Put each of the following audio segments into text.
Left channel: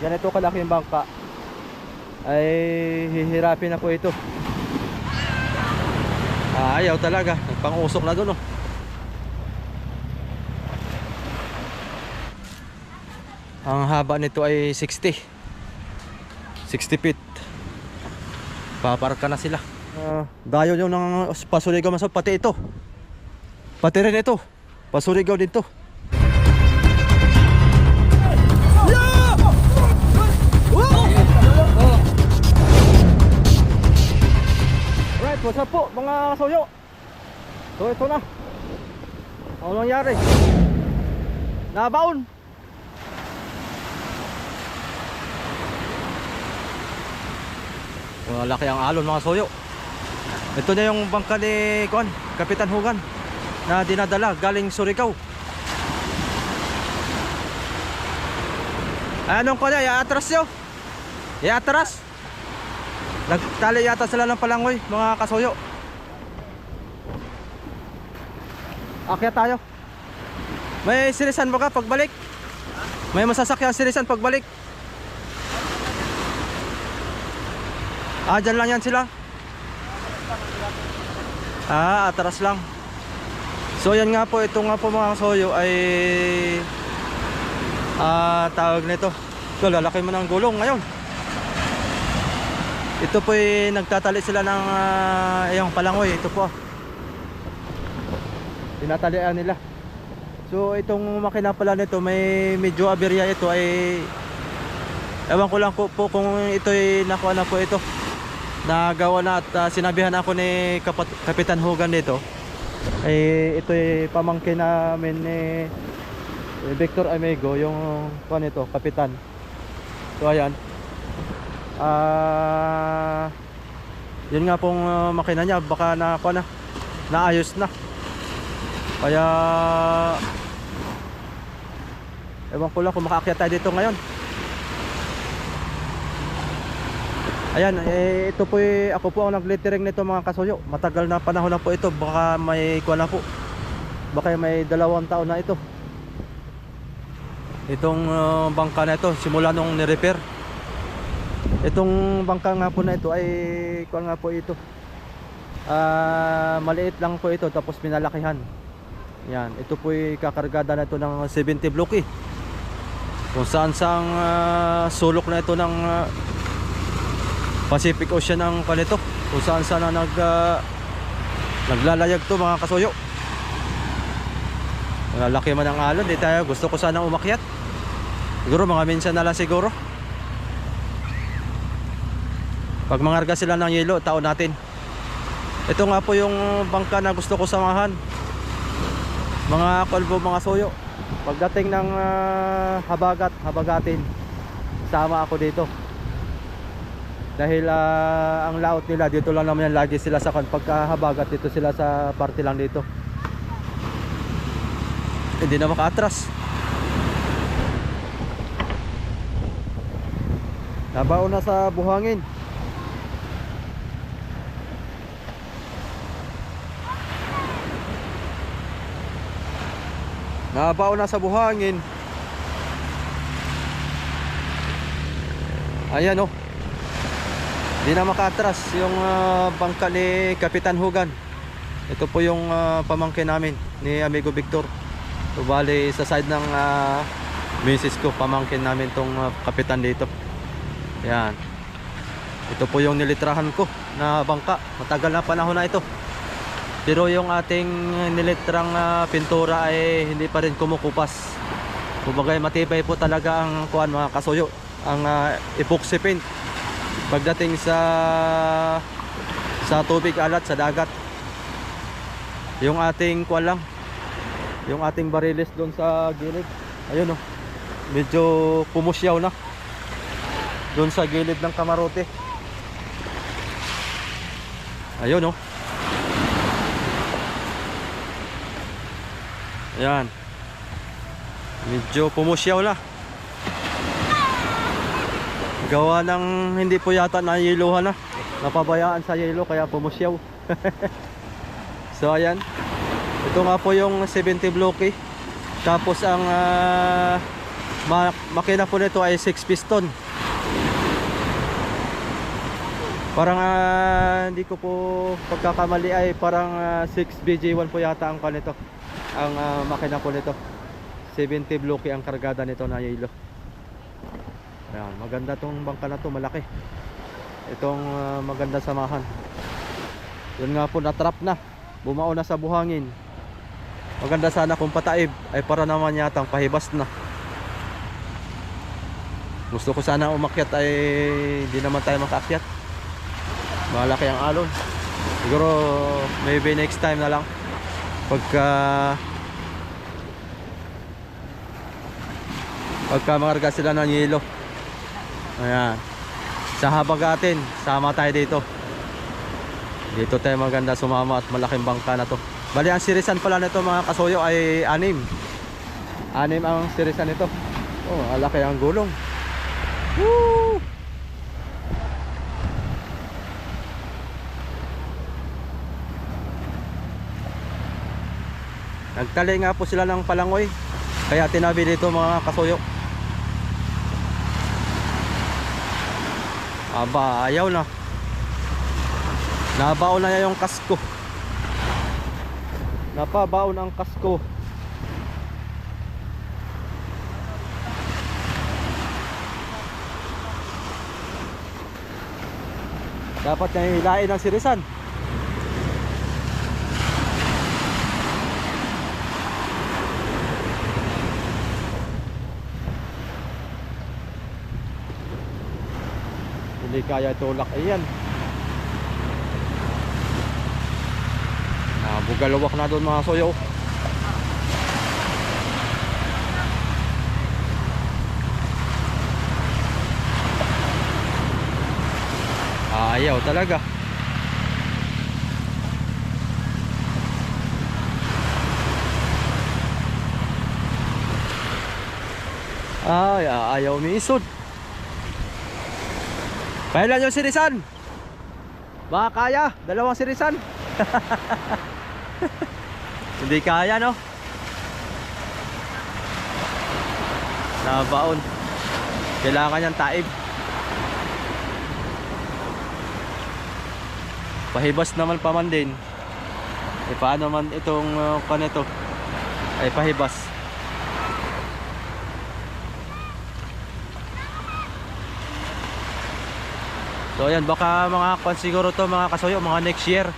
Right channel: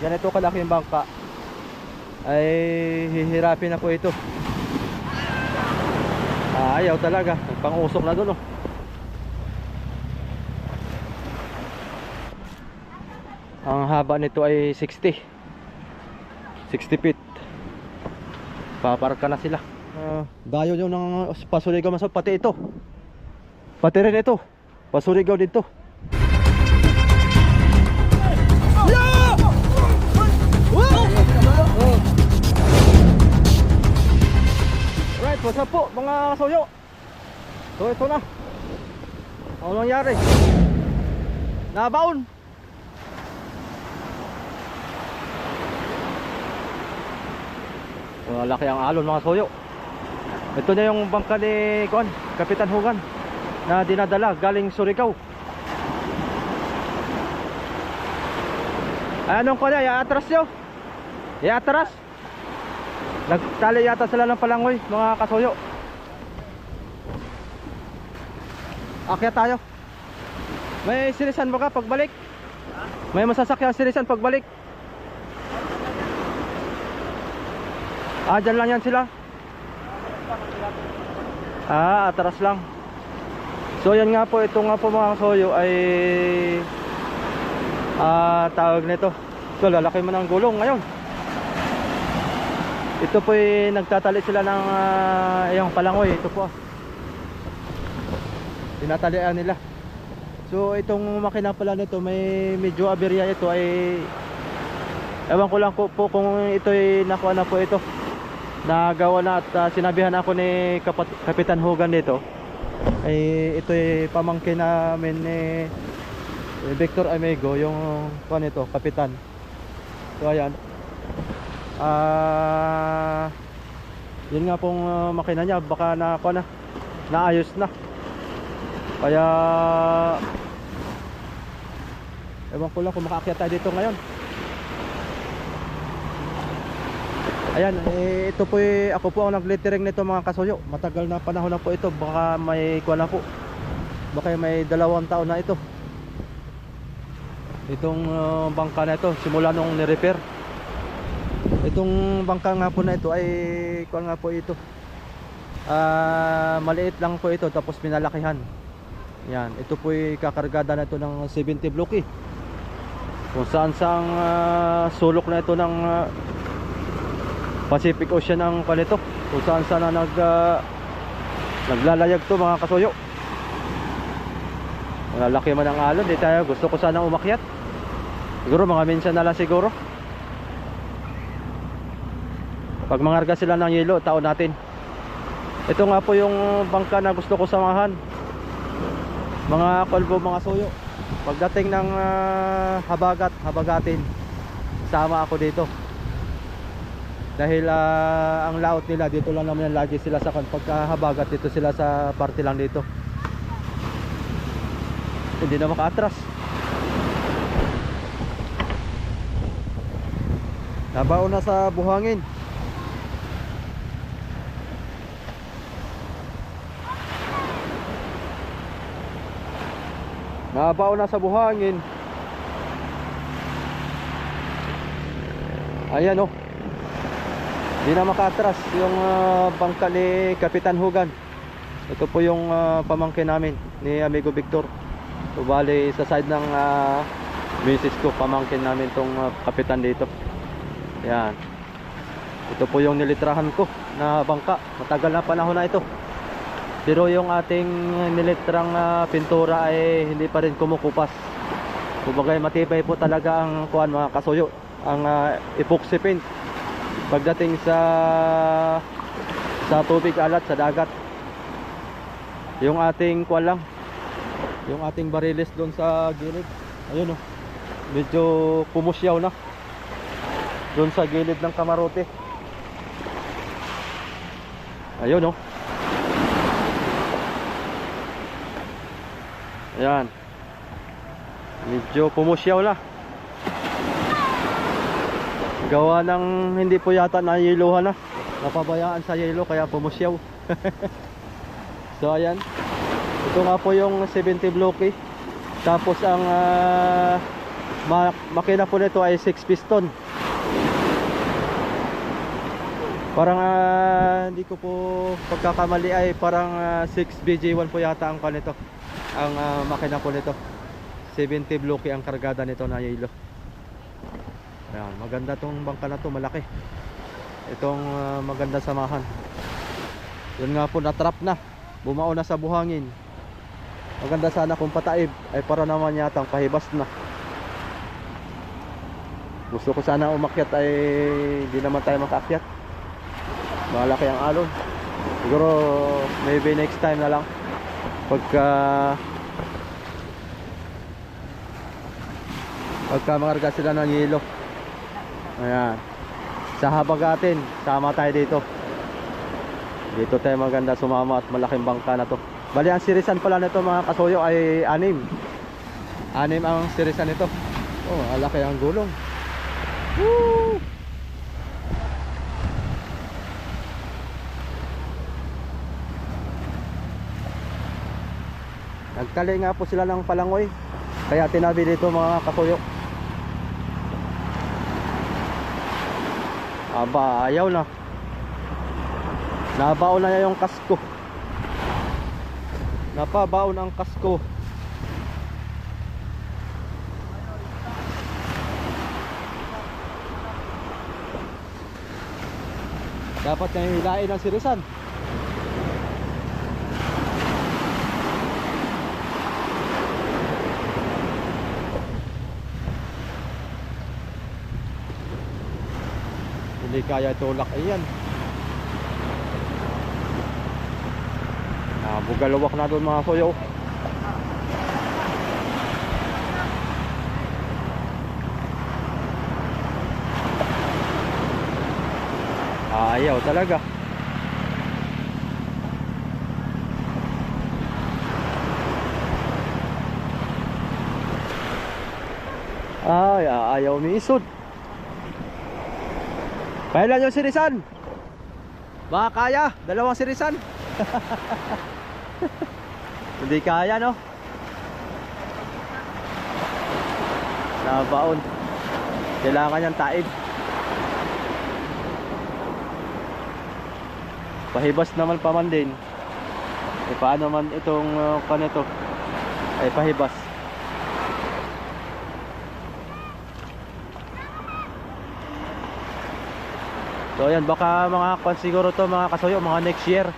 ganito kalaki yung bangka ay hihirapin ako ito. Ah, ayaw talaga. Pang-usok na doon oh. ang haba nito ay 60 60 feet. Paparka na sila. Ah, dayo nyo ng pasuligaw masok pati ito. Pati rin ito. Pasuligaw din to Right, what's up po mga soyo? So ito na. Ano nangyari? Nabaon. Malaki ang alon mga soyo. Ito na yung bangka ni Kuan, Kapitan Hugan na dinadala galing Surigao. Anong ko na? Iatras yun? Iatras? Nagtali yata sila ng palangoy, mga kasoyo. Akyat tayo. May sirisan ba ka pagbalik? May masasakyan sirisan pagbalik? Ah, dyan lang yan sila? Ah, atras lang. So yan nga po, ito nga po mga kasoyo ay ah, tawag nito. Ito, lalaki mo ng gulong ngayon. Ito po ay nagtatali sila ng uh, yung palangoy. Ito po. Tinatalian nila. So itong makina pala nito may medyo aberya ito ay ewan ko lang po, kung ito ay nakuha na po ito. Nagawa na at ah, sinabihan ako ni Kapat Kapitan Hogan dito. Ay ito ay pamangkin namin ni eh, Victor Amigo yung kuha nito, kapitan. So ayan. Ah, yun nga pong uh, makina niya baka na pa na naayos na. Kaya Ewan ko lang kung makaakyat tayo dito ngayon. Ayan, eh, ito po eh, ako po ang naglittering nito mga kasuyo. Matagal na panahon na po ito. Baka may kuha na po. Baka may dalawang taon na ito. Itong uh, bangka na ito, simula nung ni-repair. Itong bangka nga po na ito ay kuan nga po ito. Ah, maliit lang po ito tapos pinalakihan. Yan, ito po ay kakargada na ito ng 70 blocky. Kung saan sang ah, sulok na ito ng ah, Pacific Ocean ang palito. Kung saan saan na nag ah, naglalayag to mga kasuyo. Malaki man ang alon, di tayo gusto ko sanang umakyat. Siguro mga minsan na lang siguro. Pag mangarga sila ng yelo, taon natin. Ito nga po yung bangka na gusto ko samahan. Mga kalbo, mga soyo. Pagdating ng ah, habagat, habagatin, sama ako dito. Dahil ah, ang laot nila, dito lang naman yan lagi sila sa kan. Pagka habagat, dito sila sa party lang dito. Hindi na makaatras. Nabaon na sa buhangin. Nabaon na sa buhangin. Ayan oh. Hindi na makatras yung ah, bangka ni Kapitan Hugan. Ito po yung ah, pamangkin namin ni Amigo Victor. So sa side ng uh, misis ko, pamangkin namin tong ah, kapitan dito. Yan. Ito po yung nilitrahan ko na bangka. Matagal na panahon na ito. Pero yung ating nilitrang ah, pintura ay hindi pa rin kumukupas. Kumbaga matibay po talaga ang kuan mga kasuyo, ang ah, epoxy paint. Pagdating sa sa tubig alat sa dagat. Yung ating kuan lang, yung ating bariles doon sa gilid. Ayun oh. Medyo pumusyaw na. Doon sa gilid ng kamarote. Ayun oh. Ayan. Medyo pumusyaw na. Gawa ng hindi po yata nayiluhan na. Napabayaan sa yelo kaya pumusyaw. so ayan. Ito nga po yung 70 blocky. Tapos ang ma makina po nito ay 6 piston. Parang ah, hindi ko po pagkakamali ay parang ah, 6 BJ1 po yata ang kanito. Ang ah, makina po nito. 70 blocky ang kargada nito na yelo. Ayan, maganda tong bangka na to, malaki. Itong ah, maganda samahan. Yun nga po, natrap na. Bumao na sa buhangin. Maganda sana kung pataib ay para naman yatang pahibas na. Gusto ko sana umakyat ay di naman tayo makaakyat. Malaki ang alon. Siguro maybe next time na lang. Pagka pagka makarga sila ng yelo. Ayan. Sa habagatin, sama tayo dito. Dito tayo maganda sumama at malaking bangka na to. Bali ang sirisan pala nito mga kasuyo ay anim. Anim ang sirisan nito. Oh, alaki ang gulong. Woo! Nagtali nga po sila ng palangoy. Kaya tinabi dito mga kasuyo. Aba, ayaw na. Nabaon na yung kasko. Napabaon ang kasko. Dapat niya hilain ang sirisan. Hindi kaya tulak iyan. Ah, bugalawak na doon mga soyo. Ayaw talaga. Ay, ah, ayaw umiisod. Kailan yung sirisan? Baka kaya, dalawang sirisan. Hindi kaya no? Nabaon. Kailangan niyang taib. Pahibas naman pa man din. E paano man itong uh, kanito Ay pahibas So ayan baka mga kwan siguro to mga kasoyo mga next year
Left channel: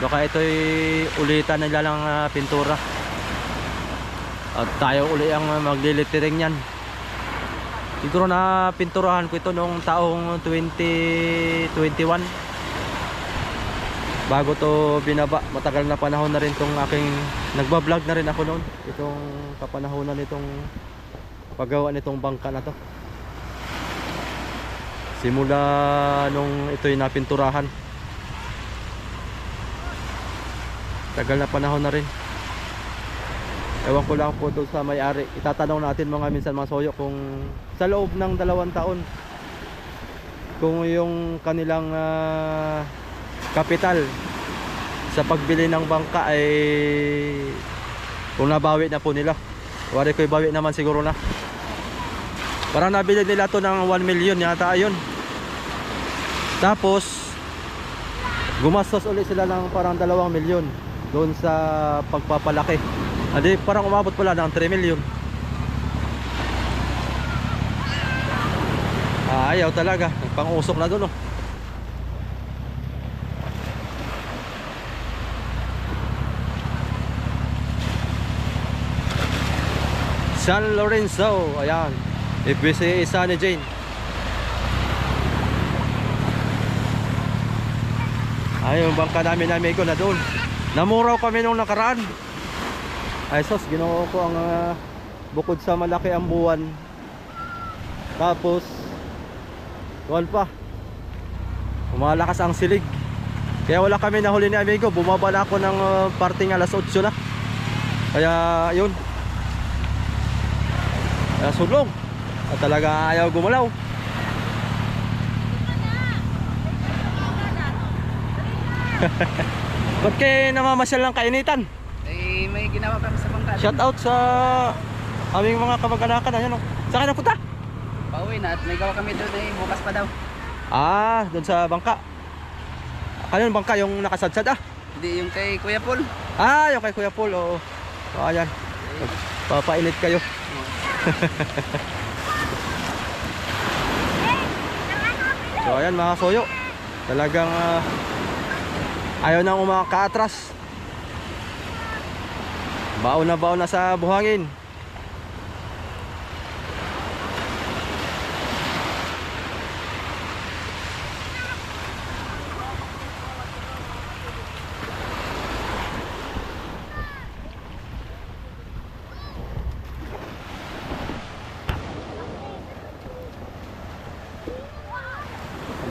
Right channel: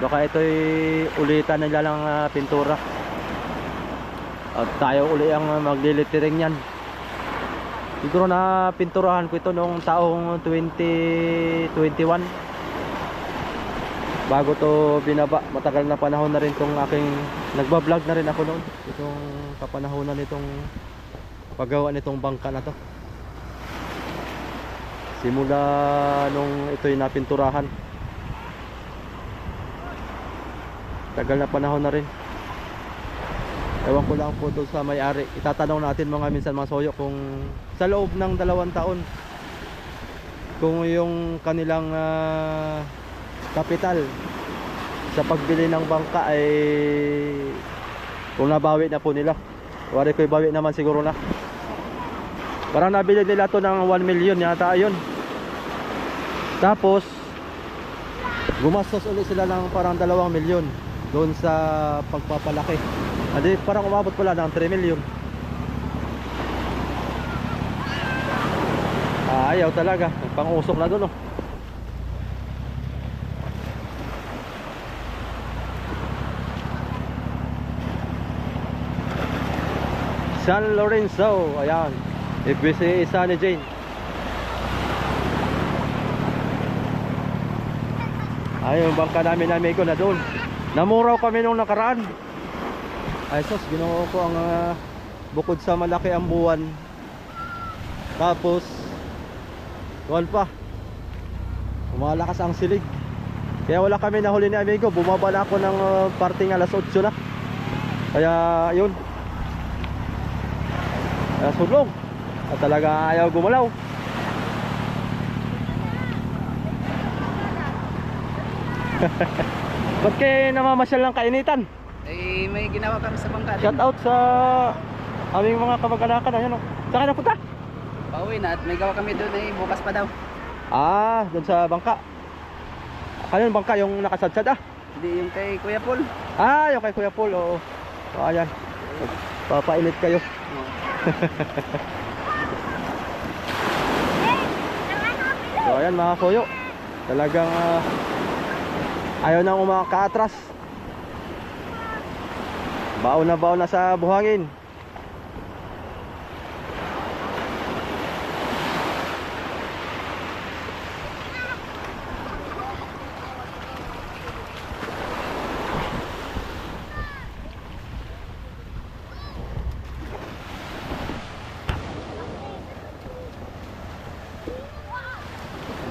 Baka ito'y ulitan nila lang uh, pintura. At tayo uli ang maglilitering yan. Siguro na pinturahan ko ito noong taong 2021. Bago to binaba, matagal na panahon na rin tong aking nagba-vlog na rin ako noon. Itong kapanahonan nitong paggawa nitong bangka na to. Simula nung ito'y napinturahan. tagal na panahon na rin. Ewan ko lang po doon sa may-ari. Itatanong natin mga minsan mga soyo kung sa loob ng dalawang taon kung yung kanilang ah, kapital sa pagbili ng bangka ay kung nabawi na po nila. Wari ko ibawi naman siguro na parang nabili nila to ng 1 million yata ayun. Tapos gumastos ulit sila ng parang 2 milyon doon sa pagpapalaki. Hindi parang umabot pala ng 3 million. Ah, ayaw talaga. Pang-usok na doon oh. San Lorenzo ayan FBC isa ni Jane ayun bangka namin na amigo na doon Namuraw kami nung nakaraan. Ay sos, ginawa ko ang ah, bukod sa malaki ang buwan. Tapos, tuwan pa. Umalakas ang silig. Kaya wala kami nahuli ni amigo. Bumaba na ako ng uh, parting alas 8 na. Kaya yun. Kaya sulong. At talaga ayaw gumalaw. Ba't kayo namamasyal ng kainitan? Eh, may ginawa kami sa bangka. Shout out sa aming mga kamag-anakan. Ayan o. Saan ka napunta? Pauwi na at may gawa kami doon eh, bukas pa daw. Ah, doon sa bangka. Ano yung bangka? Yung nakasadsad ah? Hindi yung kay Kuya Paul. Ah, yung kay Kuya Paul. Oo. O, ayan. Papainit kayo. So ayan mga soyo. Talagang ah, ayaw nang umakaatras. Baon na baon na sa buhangin.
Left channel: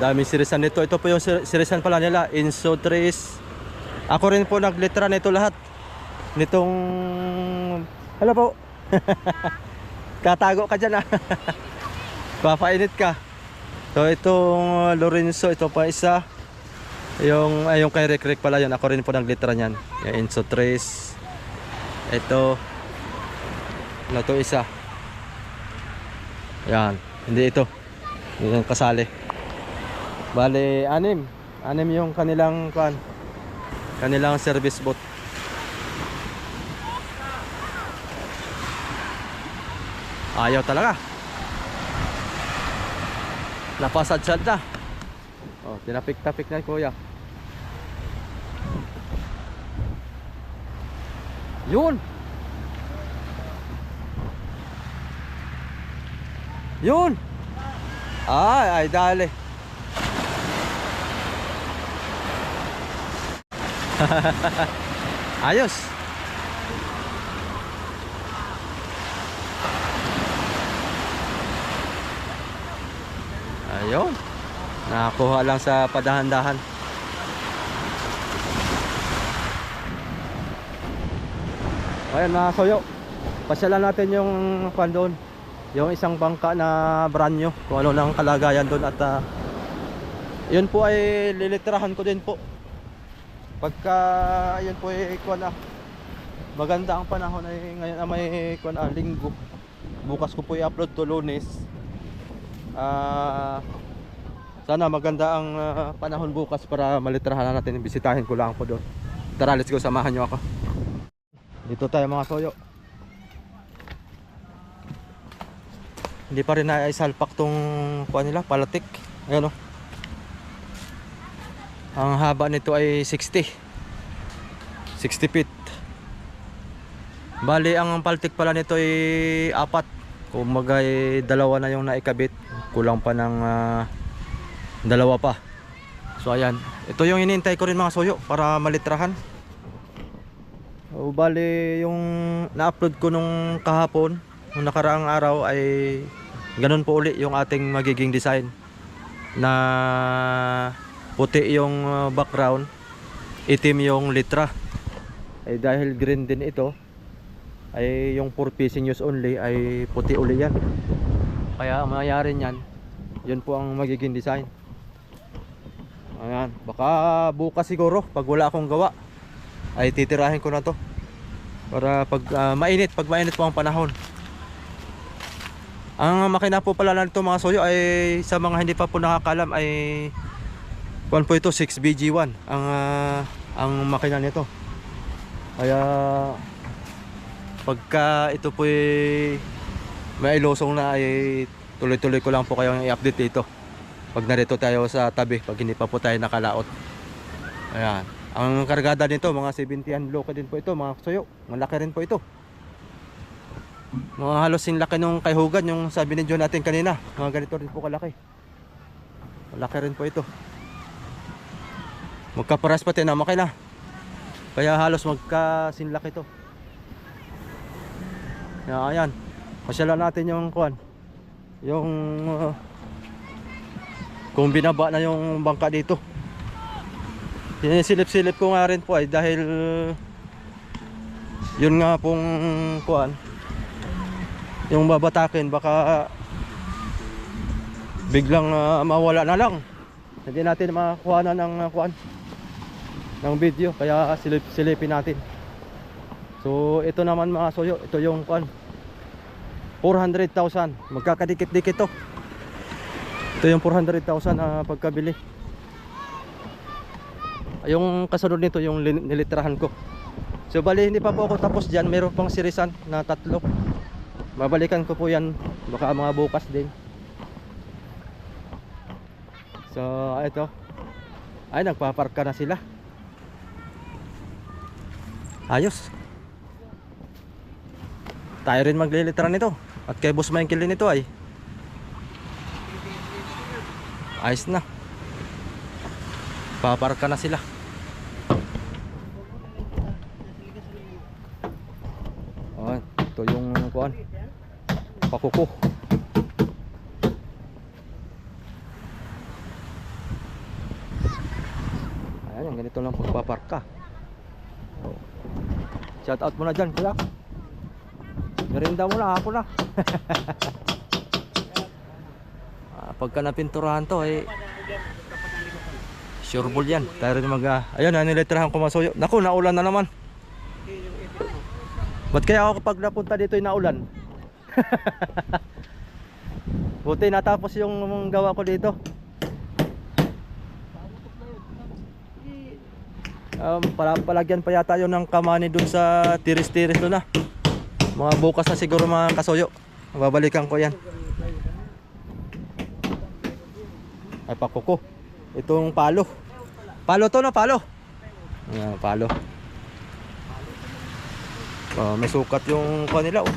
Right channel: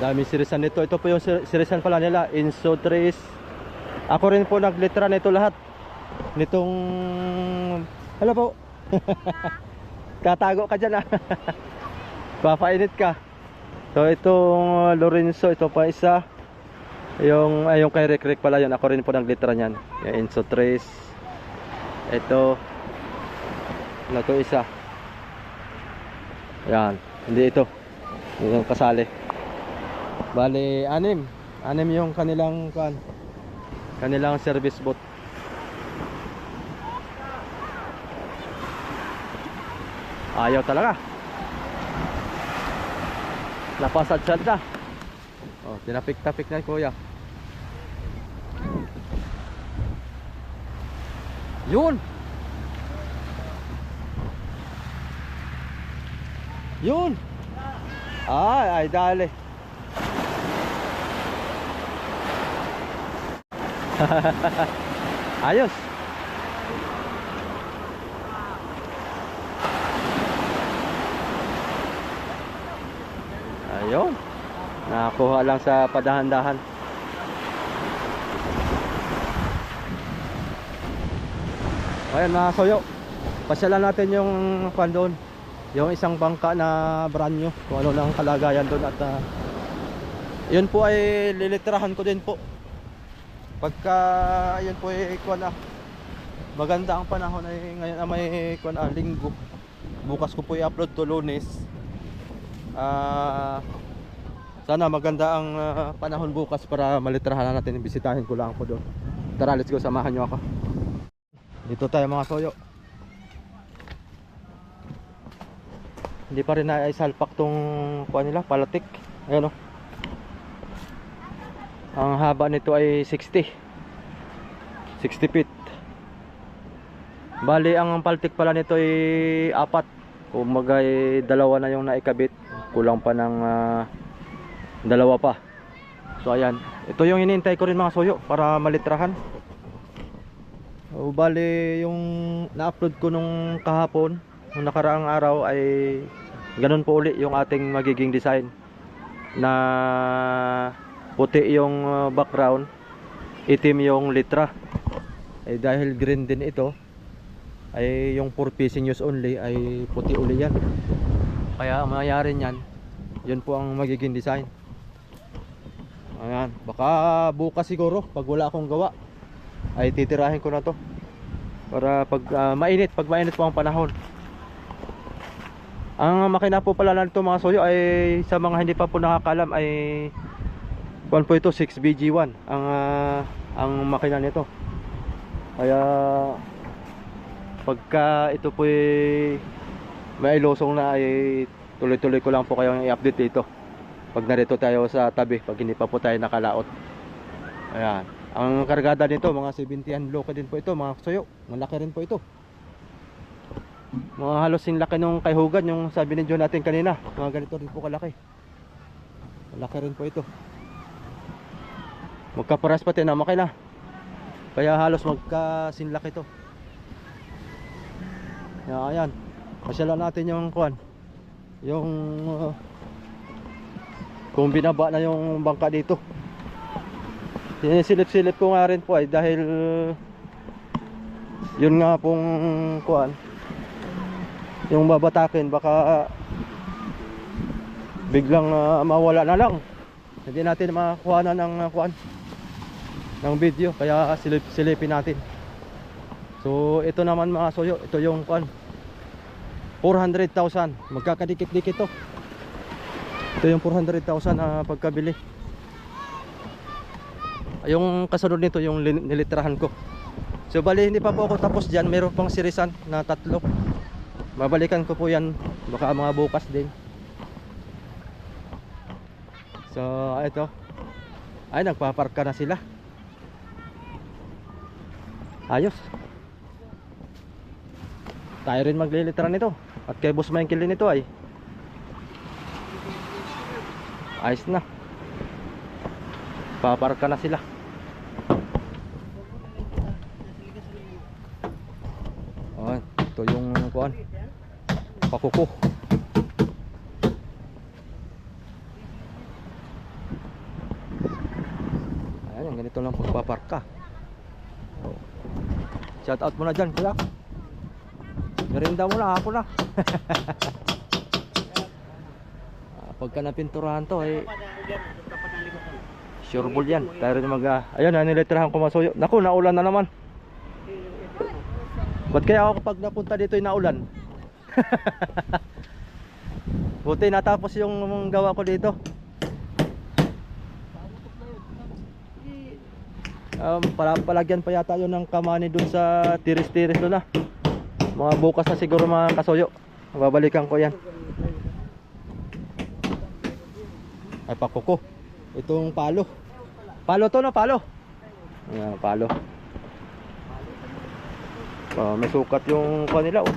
Daming sirisan nito. Ito po yung sir- sirisan pala nila. Inso Trace. Ako rin po naglitra nito lahat. Nitong... Hello po. Katago ka dyan ah. Papainit ka. So itong Lorenzo, ito pa isa. Yung, yung kay Rick Rick pala yun. Ako rin po naglitra niyan. Yung Inso Trace. Ito. Ano to isa? Yan. Hindi ito. Yung kasali. Bale, anim. Anim yung kanilang kan kanilang service boat. Ayaw talaga. Napasadsad na. Oh, tinapik-tapik na kuya. Yun. Yun. Ay, ay dali. Ayos. Ayun. Nakakuha lang sa padahan-dahan. Ayan mga soyo. Pasyalan natin yung kwan doon. Yung isang bangka na brand new. Kung ano lang kalagayan doon at ah, yun po ay lilitirahan ko din po pagka ayun po ay kuan ah maganda ang panahon ay ngayon ah, may kuan linggo. Bukas ko po i-upload to lunes. Ah sana maganda ang ah, panahon bukas para malitrahan natin. Bisitahin ko lang po doon. Tara let's go samahan nyo ako. Dito tayo mga soyo hindi pa rin naisalpak tong kuan nila palatik. Ayan o ang haba nito ay 60 60 feet. Bali ang paltik pala nito ay apat. Kumbaga ay dalawa na yung naikabit. Kulang pa ng ah, dalawa pa. So ayan. Ito yung hinihintay ko rin mga soyo Para malitrahan. O, Bali yung na-upload ko nung kahapon Nung nakaraang araw ay Ganun po uli yung ating magiging design Na puti yung uh, background itim yung litra. Ay dahil green din ito ay yung for fishing use only ay puti uli yan. Kaya ang mangyayari niyan yun po ang magiging design. Ayan baka bukas siguro pag wala akong gawa ay titirahin ko na to. Para pag ah, mainit pag mainit po ang panahon. Ang makina po pala nito mga soyo ay sa mga hindi pa po nakakalam ay Kuan po ito 6BG1 ang ah, ang makina nito. Kaya pagka ito po may ilosong na ay tuloy-tuloy ko lang po kayong i-update dito. Pag narito tayo sa tabi, pag hindi pa po tayo nakalaot. Ayan. Ang kargada nito, mga 70 bloke din po ito, mga suyo. Malaki rin po ito. Mga halos yung laki nung kay Hogan, yung sabi ni John natin kanina. Mga ganito rin po kalaki. Malaki rin po ito. Magkaparas pati na makina. Kaya halos magkasinlak ito. Kaya ayan. Pasyalan natin yung kuan. Yung uh, kung binaba na yung bangka dito. Sinisilip-silip ko nga rin po ay dahil yun nga pong kuan yung babatakin baka biglang uh, mawala na lang hindi natin makakuha na ng uh, kuan ng video kaya silip silipin natin so ito naman mga soyo ito yung kuan 400,000. Magkakadikit-dikit to. Ito yung 400,000 na pagkabili. Yung kasunod nito, yung nilitrahan ko. So bali, hindi pa po ako tapos dyan. Meron pang sirisan na tatlo. Babalikan ko po yan. Baka mga bukas din. So, ito. Ay, nagpaparka na sila. Ayos. Tayo rin maglilitra nito. At kay Boss Michael din ito ay. Ayos na. Paparka na sila. Oh, ito yung kuan. Pakuko. Ayan, yung ganito lang pagpaparka. Oh. Shout out muna dyan, kuya. Merinda mo na, ako na. ah, pagka napinturahan to, eh, sure ball yan. Tayo rin mag, ah, ayun, nanilitrahan ko masuyo. Naku, naulan na naman. Ba't kaya ako kapag napunta dito ay naulan? Buti natapos yung gawa ko dito. Um, pala, palagyan pa yata yun ng kamani dun sa tiris-tiris doon na. Mga bukas na siguro mga kasuyo. Babalikan ko yan. Ay pakuko. Itong palo. Palo to na palo. Ayan, palo. Oh, may sukat yung kanila oh.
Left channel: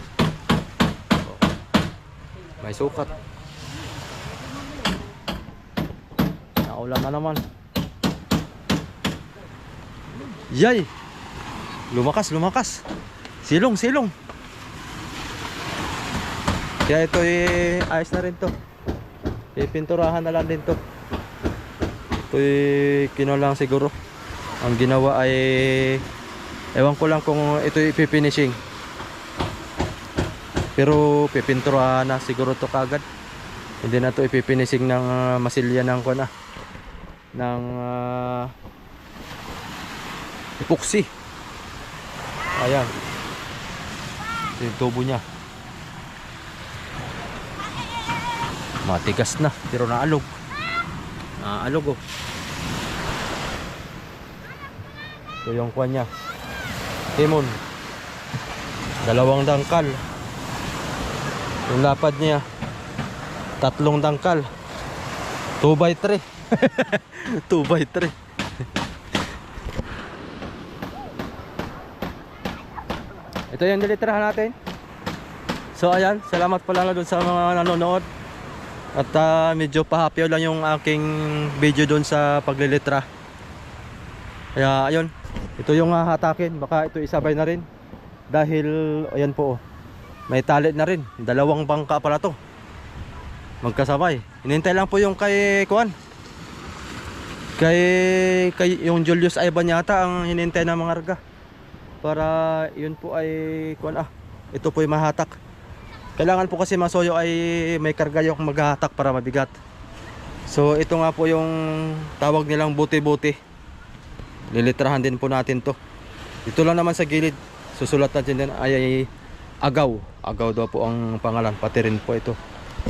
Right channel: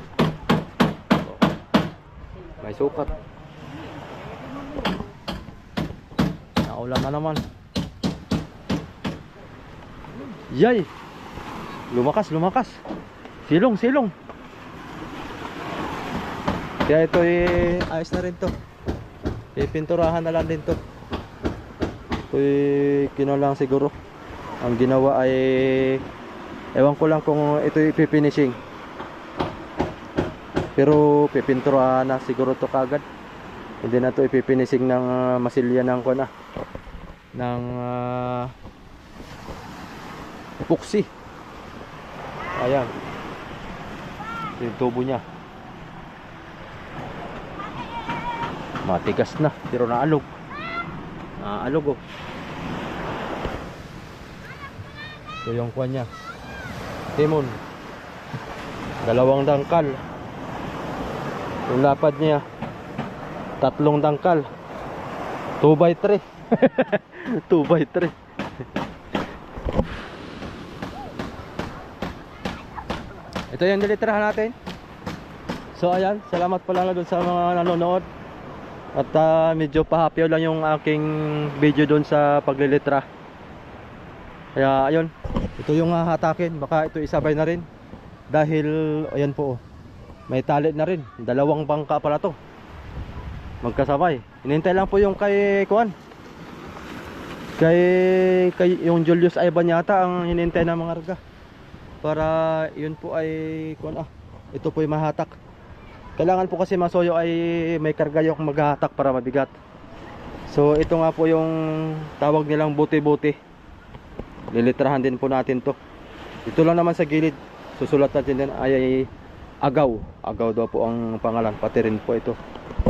May sukat. Naulan na naman. Yay! Lumakas, lumakas. Silong, silong. Kaya ito eh, ayos na rin to. Pipinturahan na lang din to. Ito eh, kino lang siguro. Ang ginawa ay ewan ko lang kung ito ipifinishing. Pero pipinturahan na siguro to kagad. Hindi na to ipifinishing ng ah, masilya ng ko na. Ng ah, epoxy. Ayan. Ito yung tubo niya. Matigas na, pero naalog. Naalog oh. Ito yung kwan niya. Timon. Dalawang dangkal. Yung lapad niya. Tatlong dangkal. 2 by 3 2 by 3 Ito yung nilitirahan natin. So ayan, salamat pala na dun sa mga nanonood. At ah, medyo pahapyaw lang yung aking video doon sa paglilitra. Kaya ayun, ito yung ah, hatakin. Baka ito isabay na rin. Dahil, ayan po, oh, may tali na rin. Dalawang bangka pala to. Magkasabay. Hinintay lang po yung kay Kuan. Kay, kay yung Julius Ivan yata ang hinintay ng mga arga. Para yun po ay Kuan ah. Ito po yung mahatak. Kailangan po kasi masoyo ay may karga yung maghahatak para mabigat. So ito nga po yung tawag nilang buti-buti. Lilitrahan din po natin to. Ito lang naman sa gilid. Susulat natin din ay, ay agaw. Agaw daw po ang pangalan. Pati rin po ito.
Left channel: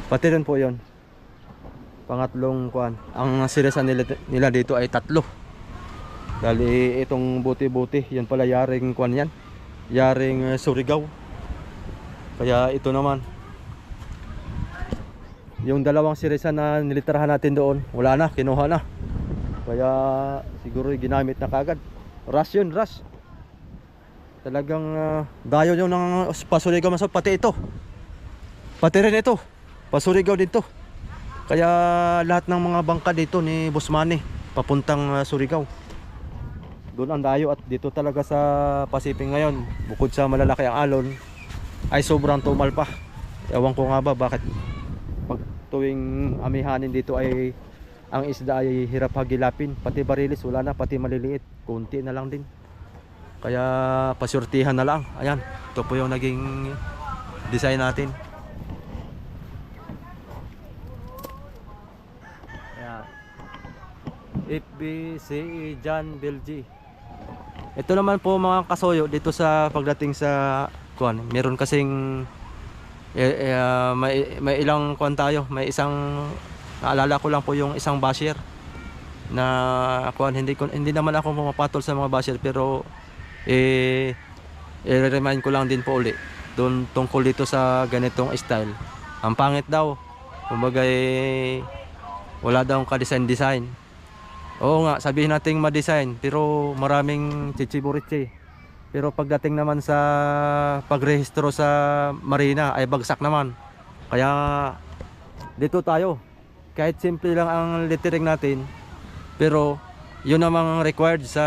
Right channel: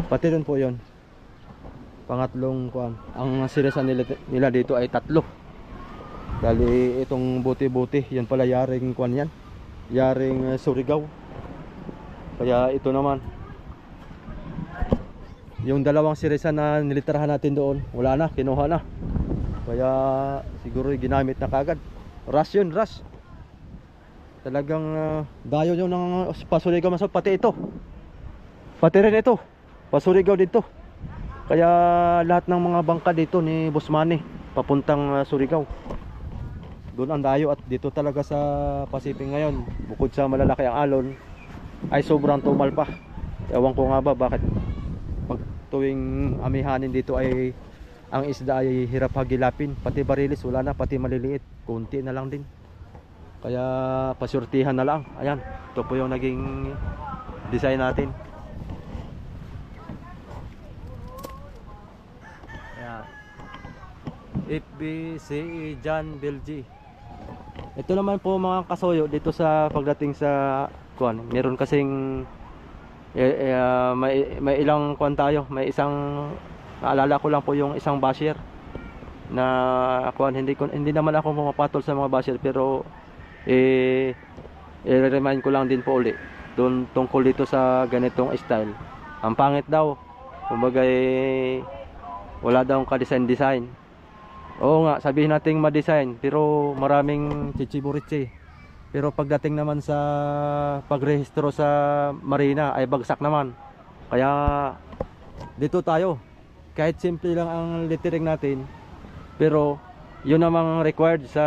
Pati rin po yon. Pangatlong kuan. Ang sirisan nila, nila dito ay tatlo. Dali itong buti-buti. Yan pala yaring kuan yan. Yaring uh, Surigao. Kaya ito naman. Yung dalawang sirisan na nilitirahan natin doon, wala na, kinuha na. Kaya siguro ginamit na kagad. Rush yun, rush. Talagang uh, dayo nyo ng pasurigaw maso pati ito. Pati rin ito. Pasurigaw dito. Kaya lahat ng mga bangka dito ni Busmani papuntang uh, Surigao. Doon ang dayo at dito talaga sa Pasiping ngayon, bukod sa malalaki ang alon, ay sobrang tumal pa. Ewan ko nga ba bakit pag tuwing amihanin dito ay ang isda ay hirap hagilapin. Pati barilis wala na, pati maliliit. Kunti na lang din. Kaya pasurtihan na lang. Ayan, ito po yung naging design natin. Ayan. FBCE John Belgi. Ito naman po mga kasoyo dito sa pagdating sa kuan. Meron kasing Eh, eh, ah, may, may ilang kwan tayo, may isang naalala ko lang po yung isang basher na kwan hindi ko hindi naman ako pumapatol sa mga basher pero eh i-remind ko lang din po uli doon tungkol dito sa ganitong style. Ang pangit daw. Kumbaga eh, wala daw ka-design design. Oo nga, sabihin nating ma-design pero maraming chichiburitsi. Pero pagdating naman sa pagrehistro sa marina ay bagsak naman. Kaya dito tayo. Kahit simple lang ang lettering natin, pero yun namang required sa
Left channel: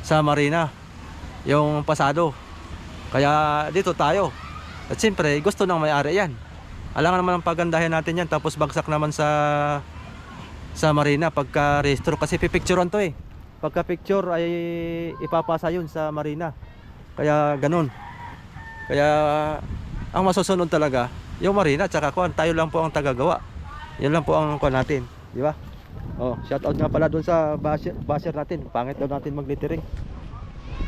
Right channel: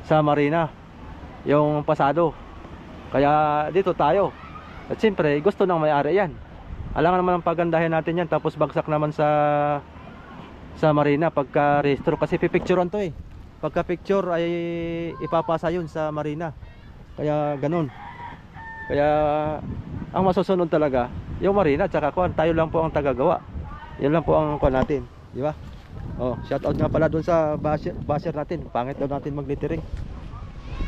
sa marina. Yung pasado. Kaya dito tayo. At siyempre, gusto ng may-ari yan. Alangan naman ang pagandahin natin yan tapos bagsak naman sa sa marina pagka rehistro kasi pipicturean to eh. Pagka picture ay ipapasa yun sa marina. Kaya ganun. Kaya ang masusunod talaga yung marina tsaka kuan tayo lang po ang tagagawa. Yan lang po ang kuan natin, di ba? Oh, shout out nga pala doon sa basher, basher natin. Pangit daw natin mag-littering.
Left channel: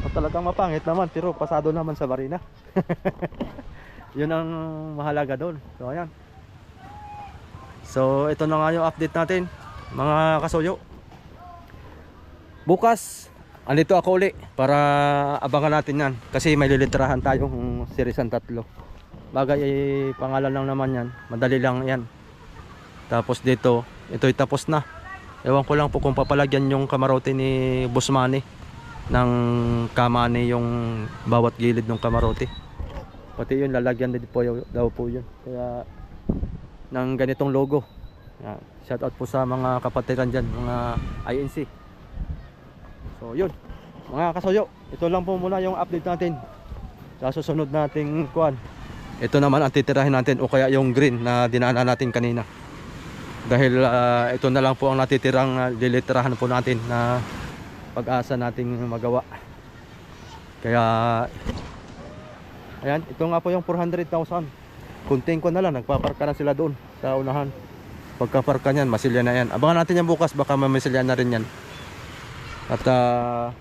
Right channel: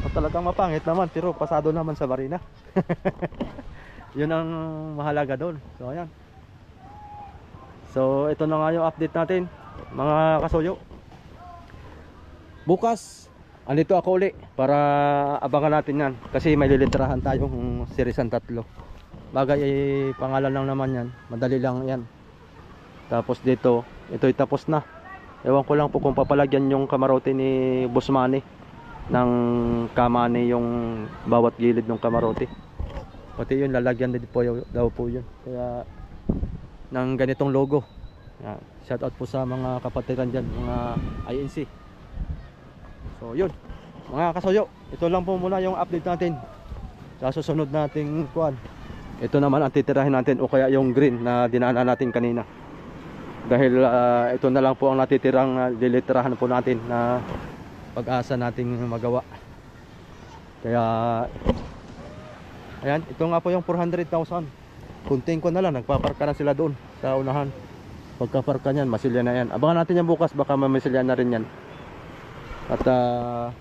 O talagang mapangit naman pero pasado naman sa marina. Yun ang mahalaga doon. So ayan. So ito na nga yung update natin mga kasuyo. Bukas andito ako uli para abangan natin yan kasi may lilitrahan tayong Sirisan tatlo. Bagay ay pangalan lang naman yan. Madali lang yan. Tapos dito, ito'y tapos na. Ewan ko lang po kung papalagyan yung kamarote ni Busmani ng kamani yung bawat gilid ng kamarote. Pati yun lalagyan din po daw po yun. Kaya ng ganitong logo. Yan. Shout out po sa mga kapatiran dyan, mga INC. So yun, mga kasoyo, ito lang po muna yung update natin. Sa susunod nating kuan. Ito naman ang titirahin natin o kaya yung green na dinaanan natin kanina. Dahil ah, ito na lang po ang natitirang uh, po natin na pag-asa nating magawa. Kaya Ayan, ito nga po yung 400,000. Kunting ko na lang, nagpaparka na sila doon sa unahan. Pagkaparka niyan, masilya na yan. Abangan natin yan bukas, baka mamisilya na rin yan. At ah,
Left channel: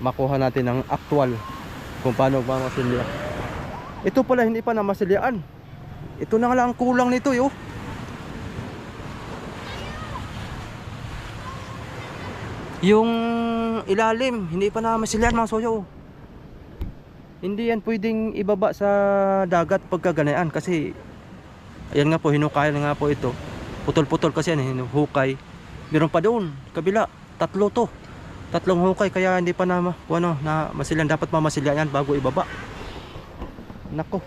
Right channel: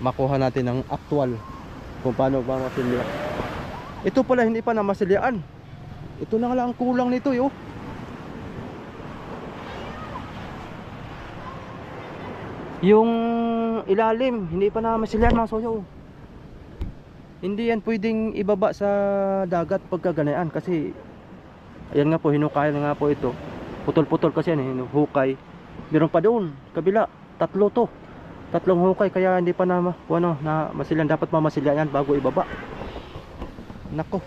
makuha natin ang actual kung paano ba masilya. Ito pala hindi pa na masilyaan. Ito na lang ang kulang nito, yo. Yung ilalim, hindi pa na masilyan mga soyo. Hindi yan pwedeng ibaba sa dagat pagkaganayaan kasi ayan nga po hinukay na nga po ito. Putol-putol kasi yan, hinuhukay. Meron pa doon, kabila, tatlo to. Tatlong hukay kaya hindi pa na ano, na masilyan dapat mamasilyan yan bago ibaba. Nako.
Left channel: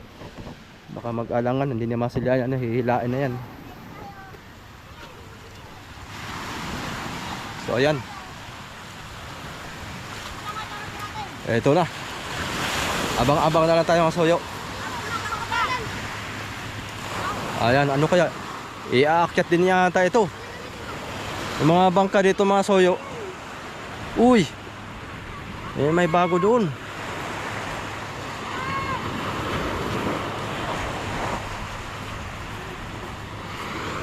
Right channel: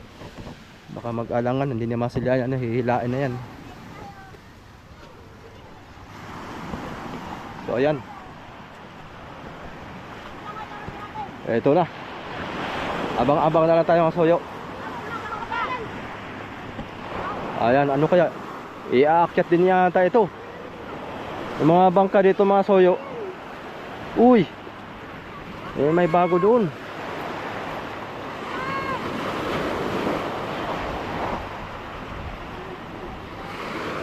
Baka mag-alangan hindi na masilyan yan, hihilain na yan. So ayan. Ito na. Abang-abang na lang tayo mga soyo. Ayan, ano kaya? Iaakyat din yata ito. Yung mga bangka dito mga soyo. Uy! Eh, may bago doon.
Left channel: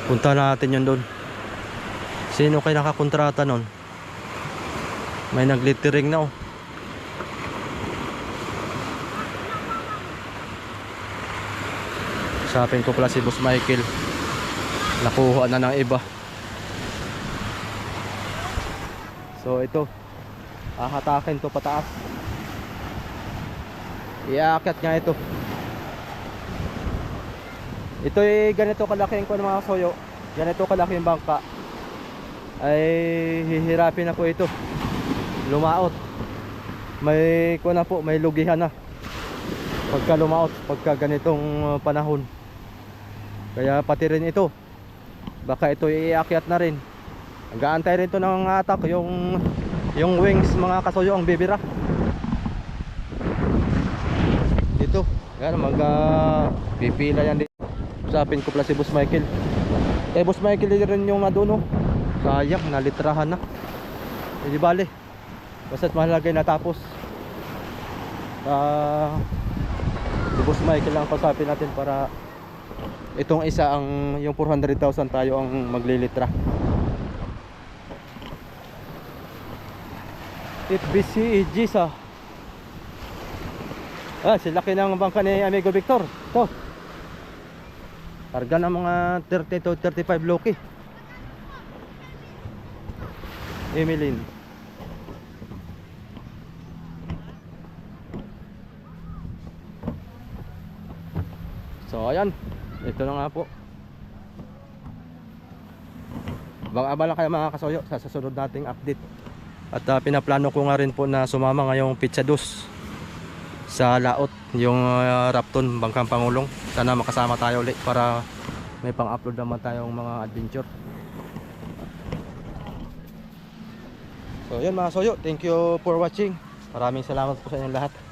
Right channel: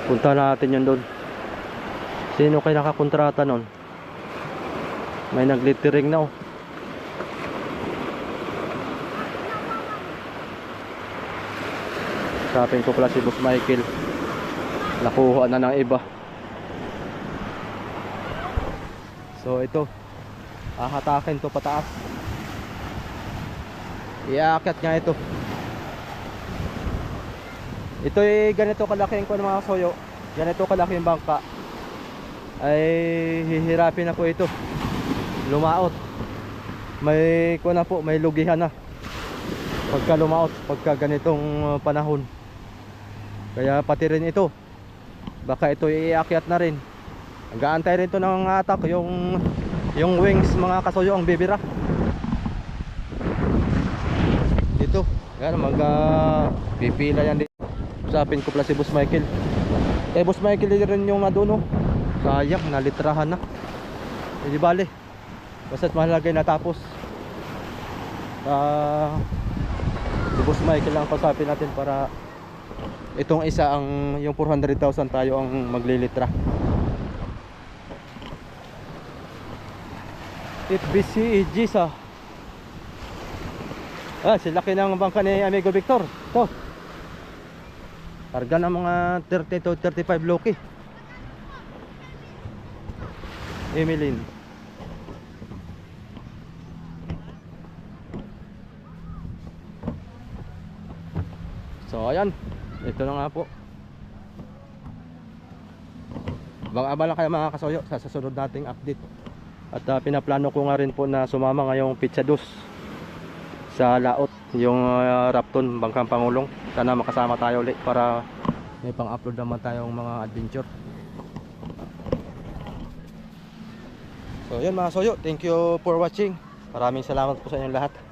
Punta natin yun doon. Sino kayo nakakontrata nun? May naglittering na oh. Usapin ko pala si Boss Michael. Nakuha na ng iba. So ito. Ahatakin to pataas. Iaakyat nga ito. Ito ay ganito kalaki kuwan, mga soyo. Ganito kalaki yung bangka. Ay hihirapin na po ito. Lumaot. May kuwan na po, may lugihan na. Pagka lumaot, pagka ganitong uh, panahon. Kaya pati rin ito. Baka ito iaakyat na rin. Nag-aantay rin to ng atak yung yung wings mga kasuyo ang bibira. Dito. Yan mag uh, pipila yan dito. Usapin ko pala si Boss Michael. Eh Boss Michael rin yung naduno. Sayang nalitrahan na. Hindi bale. Basta't mahalagay natapos. Ah si Boss Michael lang pasapin natin para itong isa ang yung 400,000 tayo ang maglilitra. It busy Gisa. Ah, si laki ng bangka ni Amigo Victor. To. Karga ng mga 30 to 35 loki. Emeline. So ayan, ito na nga po. Abang-abang lang kayo mga kasoyo sa susunod nating update. At ah, pinaplano ko nga rin po na sumama ngayong pizza dos sa laot yung ah, Rapton Bangkang Pangulong. Sana makasama tayo ulit para may pang-upload naman tayong mga adventure. So yun mga soyo, thank you for watching. Maraming salamat po sa inyong lahat.